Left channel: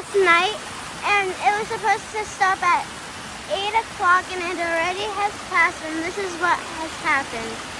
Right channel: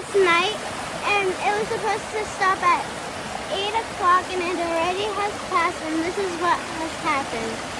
last night, and it was supposed to stop at 8 o'clock, and it already has passed, and this is what has happened.